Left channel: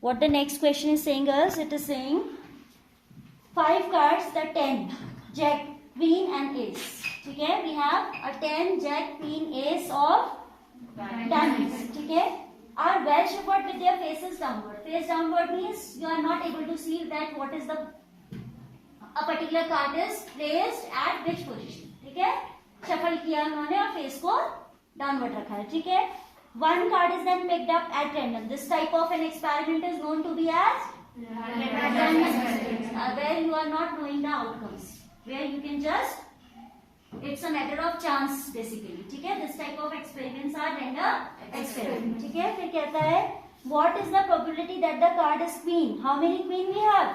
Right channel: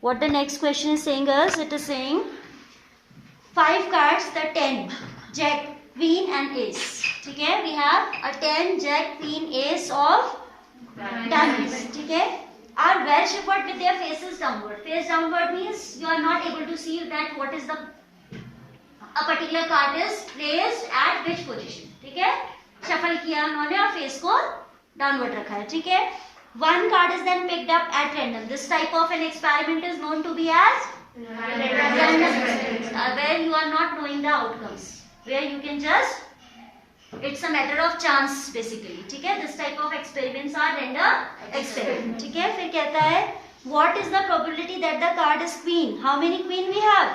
What the next question is saying is, it is saying 5 cards, the 10, Jack, Queen and Ace. ठीक है, we have a 10, Jack, Queen, Ace of diamonds. ठीक है, are well shuffled with their faces downward. Face downward means you are not able to see that what is the a particular card is placed at which position. ठीक है, shuffle किया उन्होंने और face को downward रखा है. ठीक है, one card is then picked up at random. This type of an experiment is known to be as random experiment, where you are not knowing the outcomes, where you can just, it's a matter of chance basically. ठीक है, this type of experiments are random experiment. ठीक है, फिर कहता है what is the probability that the card is queen? How many queen we have?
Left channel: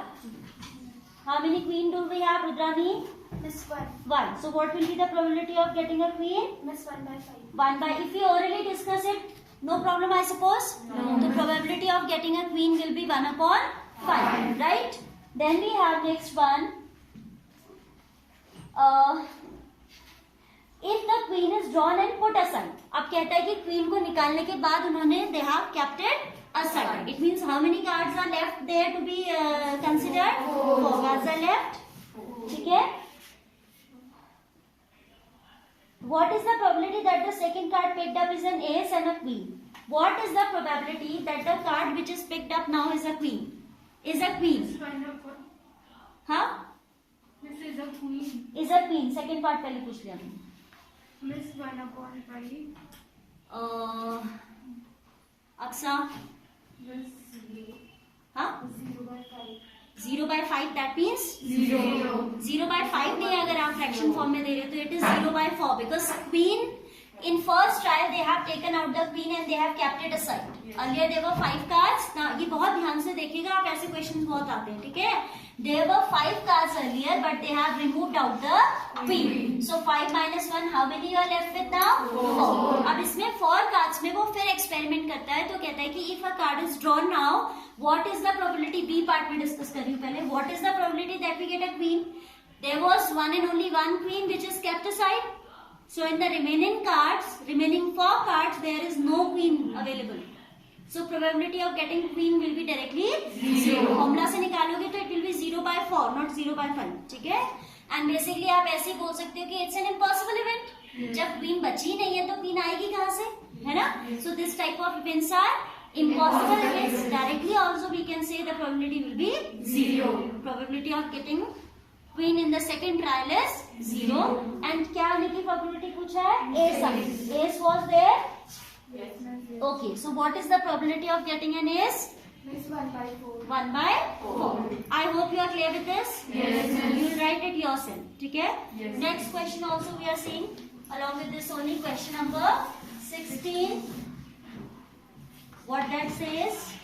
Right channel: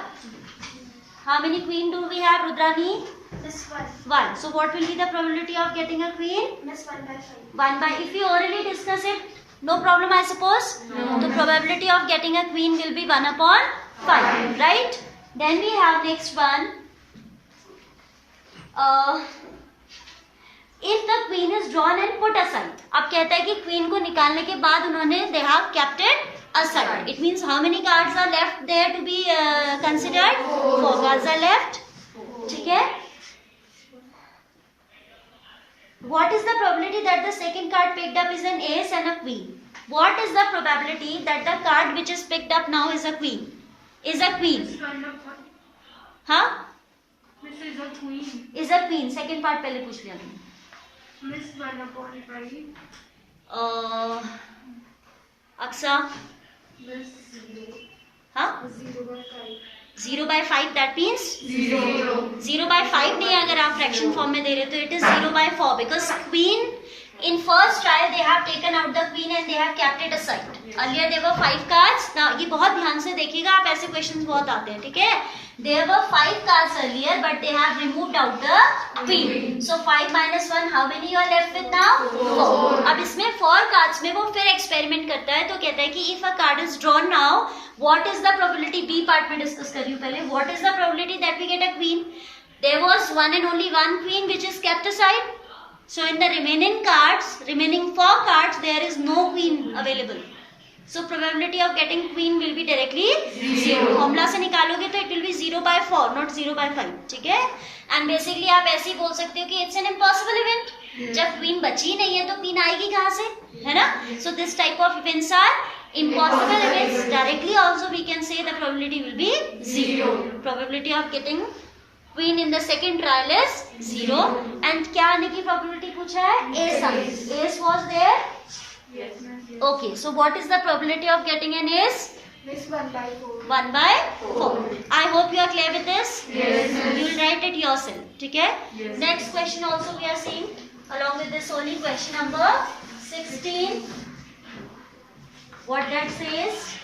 How many queen do we have, Rudrani? This one. 1. So what will be the probability of getting a queen? This 1 by 5. 1 by, if we orally discuss it, no problem I suppose? No. The probability of getting a queen will be 1 upon 5, right? Then we have next one. If the queen is drawn and put aside. अब कहता है कि queen को निकालने के बाद उन्होंने they have kept it aside. It means how many cards are left there to be considered? 4 cards are left. ठीक है? What is the probability that the second card picked up is an ace and a queen? What is the probability that the card which is picked up now is a queen? Is a queen. हाँ? Miss is a queen. Is a queen. Second part पहले पूछ लिया तुमने. Miss 1 upon 5. Aqsa. Miss 0. हाँ? 0 by 5. 0 by 5 that means 0. 0 by 5 नहीं, अगर आप fraction form में दे रहे हो तो it is 0 by 4 because queen in first trial they have taken out the queen and they have kept it aside. Earlier there were 5 cards. Now ये बहुत ध्यान से देखिएगा, आप ऐसे क्वेश्चंस बहुत आते हैं. ठीक है, there were 5 cards earlier but they have removed out the queen. So 5 minus 1, how many you are left with now? 4. अब इसमें 4 cards में वो फिर एक्सपेरिमेंट करता है, तो कहता है कि if a card is drawn now, what is the probability? B part में डिस्कस कर रही हूँ पहले. What is the probability that we get a queen? There was one and only one queen which is kept aside. So in the remaining 4 cards, there is no queen available. So probability of getting queen will be directly 0. Formula से निकालोगे तो it will be 0 by 4, not 0 by 5. ठीक है? And basically आप ऐसे ही बोल सकते हो कि it's an impossible event. जब queen बची नहीं है तो queen आएगी कहाँ से? है ना? So this type of events are impossible events. Directly also we can say the probability will be 0. Probability of getting queen in the second trial is 0. And क्या आने की probability पूछा है? Ace आने. Ace was there? Yes. Okay. So what is the probability of getting an ace? Miss 1 by 4. 1 by 4. I hope you are clear with this. Yes. You will write it yourself. ठीक है? Yes. Next question also we are seeing along with this only question number 16. What that says?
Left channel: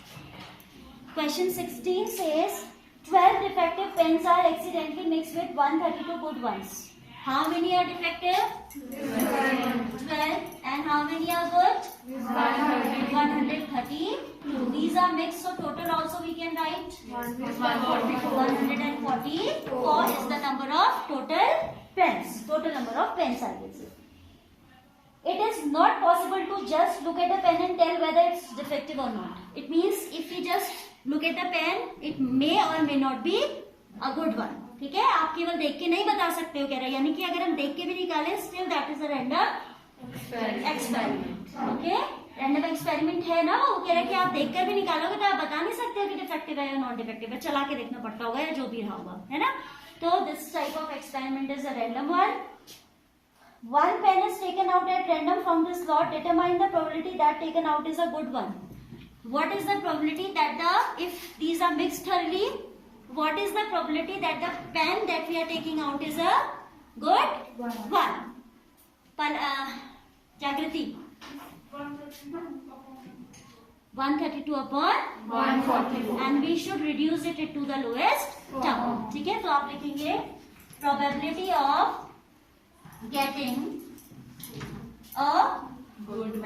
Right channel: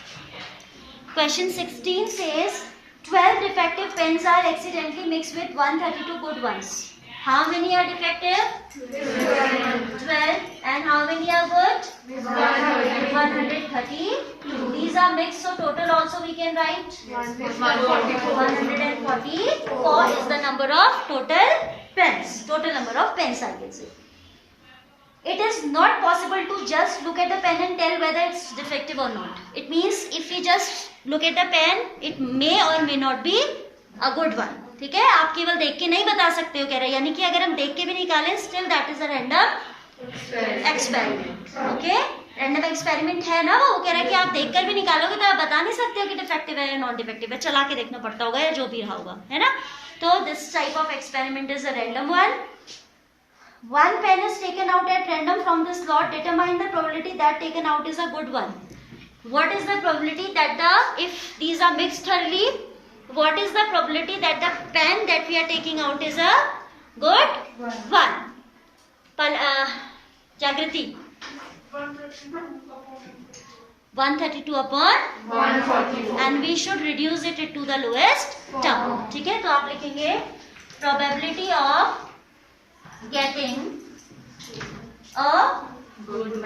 Question 16 says 12 defective pens are accidentally mixed with 132 good ones. How many are defective? 12. And how many are good? 132. These are mixed, so total also we can write 144 is the number of total pens. Total number of pens I can say. It is not possible to just look at the pen and tell whether it's defective or not. It means if you just look at the pen, it may or may not be a good one. ठीक है, आप केवल देख के नहीं बता सकते हो कह रहे हैं, यानी कि अगर हम देख के भी निकालें still that is a random experiment. Okay, random experiment है ना, वो कह रहा है कि आप देखकर भी निकालोगे तो आप बता नहीं सकते हो कि डिफेक्टिव है या नॉन डिफेक्टिव है, चला के देखना पड़ता होगा या जो भी रहा होगा, है ना. तो this type of experiment is a random one. One pen is taken out at random from the slot. Determine the probability that taken out is a good one. What is the probability that if these are mixed thoroughly, what is the probability that the pen that we are taking out is a good one? Jagriti. 132 upon 144. And we should reduce it to the lowest term. ठीक है, तो आप लिखेंगे probability of getting a good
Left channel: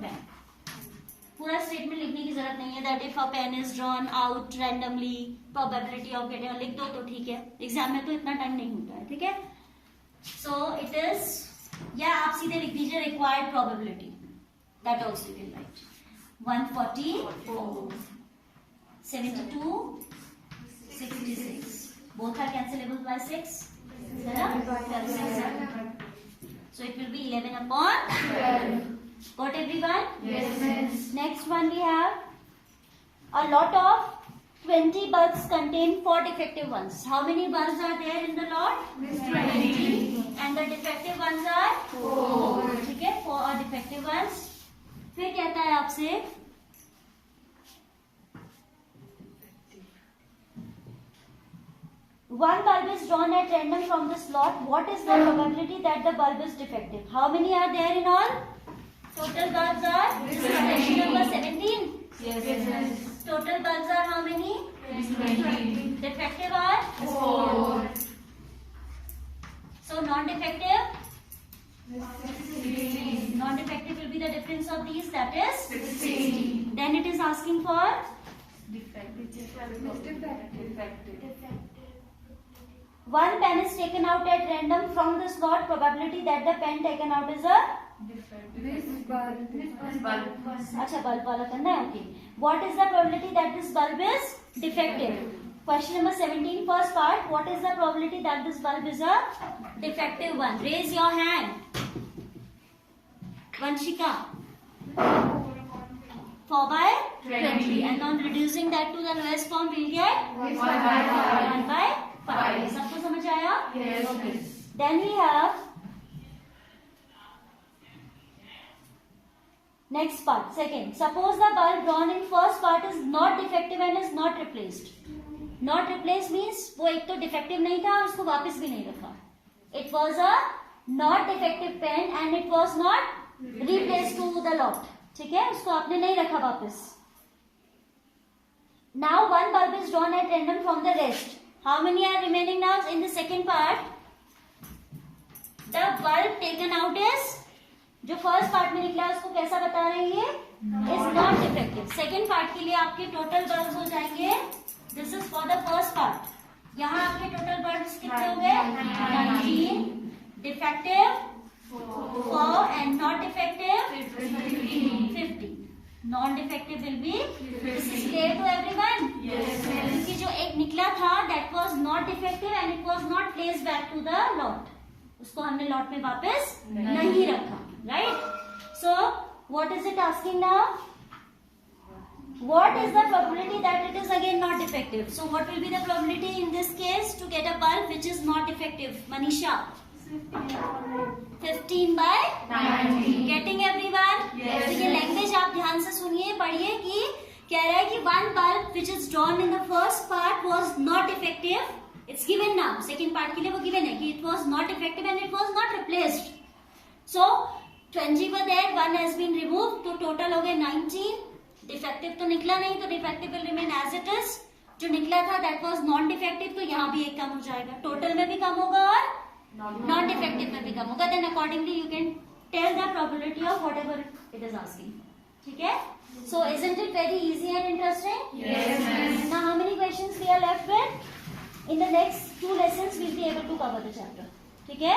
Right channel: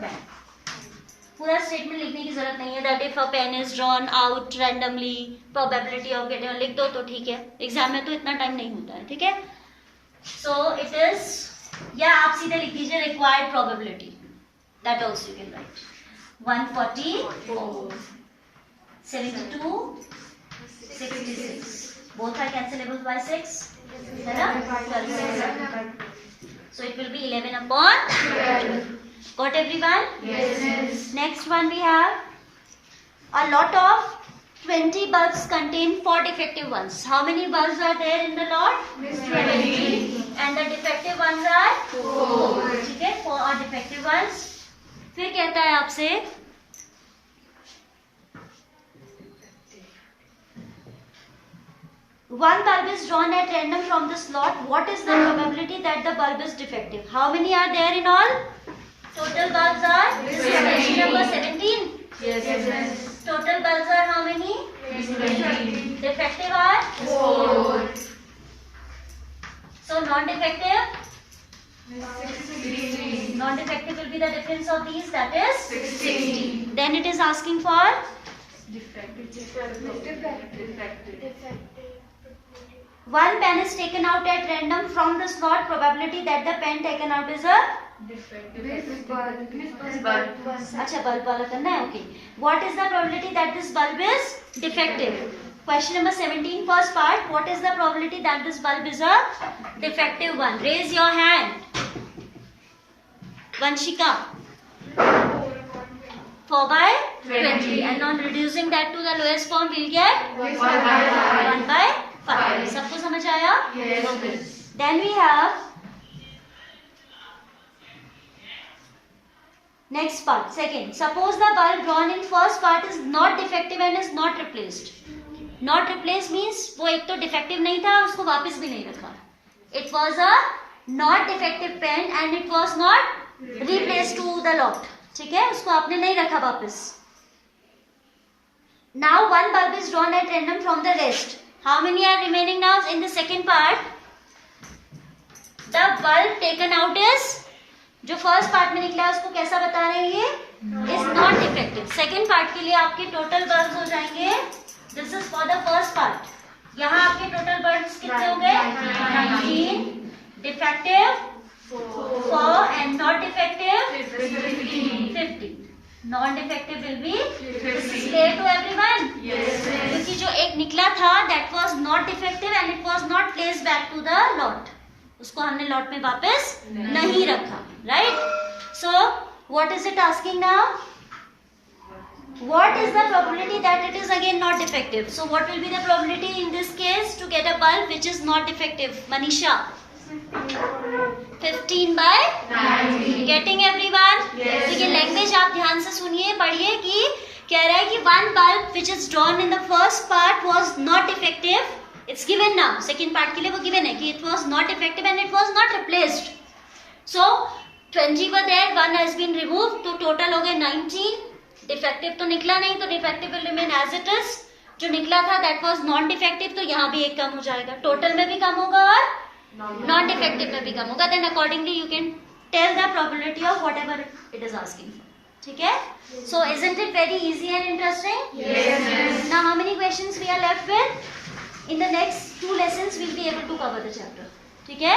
pen. पूरा statement लिखने की जरूरत नहीं है. That if a pen is drawn out randomly, probability of getting, लिख दो तो ठीक है. एग्जाम में तो इतना टाइम नहीं होता है. ठीक है, सो इट इज, या आप सीधे लिख दीजिए required probability, that also you can write 144. 72, 66. Both are cancelable by 6. है ना? So it will be 11 upon 12. Got everyone? Yes. Next one we have a lot of 20 bulbs contain 4 defective ones. How many bulbs are there in the lot? 20. And the defective ones are 4. ठीक है, 4 are defective ones. फिर कहता है आपसे one bulb is drawn at random from this lot. What is the probability that the bulb is defective? How many are there in all? Total bulbs are question number 17. Yes. Total bulbs are how many? 20. Defective are 4. So non-defective. 16. Non-defective will be the difference of these, that is 16. Then it is asking for one pen is taken out at random from the slot. Probability that the pen taken out is a अच्छा bulb वाला करना है. Okay. What is the probability that this bulb is defective? Question number 17, first part. What is the probability that this bulb is a defective one? Raise your hand. Vanshika. 4 by 20. And on reducing that to the lowest form, we'll get 1 by 5. सबको समझ आया? Yes. Okay. Then we have next part, second. Suppose the bulb drawn in first part is not defective and is not replaced. Not replaced means वो एक तो defective नहीं था, उसको वापस भी नहीं रखा. It was a not defective pen and it was not replaced to the lot. ठीक है, उसको आपने नहीं रखा वापस. Now one bulb is drawn at random from the rest. How many are remaining now in the second part? The bulb taken out is, जो first part में निकला है उसको कैसा बता रहे हैं ये? Is not defective. Second part के लिए आपके टोटल बल्ब हो जाएंगे. This is for the first part. यहाँ आपके टोटल बल्ब कितने हो गए? 19. Defective 4 and not defective 50. Non defective will be. This is clear to everyone? क्योंकि जो एक निकला था that was not defective and it was not placed back to the lot. उसको हमने लॉट में वापस नहीं रखा. Right? So what is it asking now? What is the probability that it is again not defective? So what will be the probability in this case to get a bulb which is not defective? Manisha? 15 by 90. Getting everyone? Yes. तो ये language आप ध्यान से सुनिए, पढ़िए कि कह रहा है कि one bulb which is drawn in the first part was not defective. It's given now. Second part के लिए वो given है कि it was not defective and it was not replaced. So 20 were there, one has been removed, तो total हो गए 19. Defective तो निकला नहीं, तो defective will remain as it is. जो निकला था दैट वाज नॉन डिफेक्टिव, तो यहाँ भी एक कम हो जाएगा. टोटल में भी कम होगा और नॉन डिफेक्टिव में भी कम होगा. Then accordingly you can tell the probability of whatever it is asking for. ठीक है? So isn't it very easy and interesting? Now how many questions we are left with? In the next 2 lessons we'll be able to cover the chapter. ठीक है?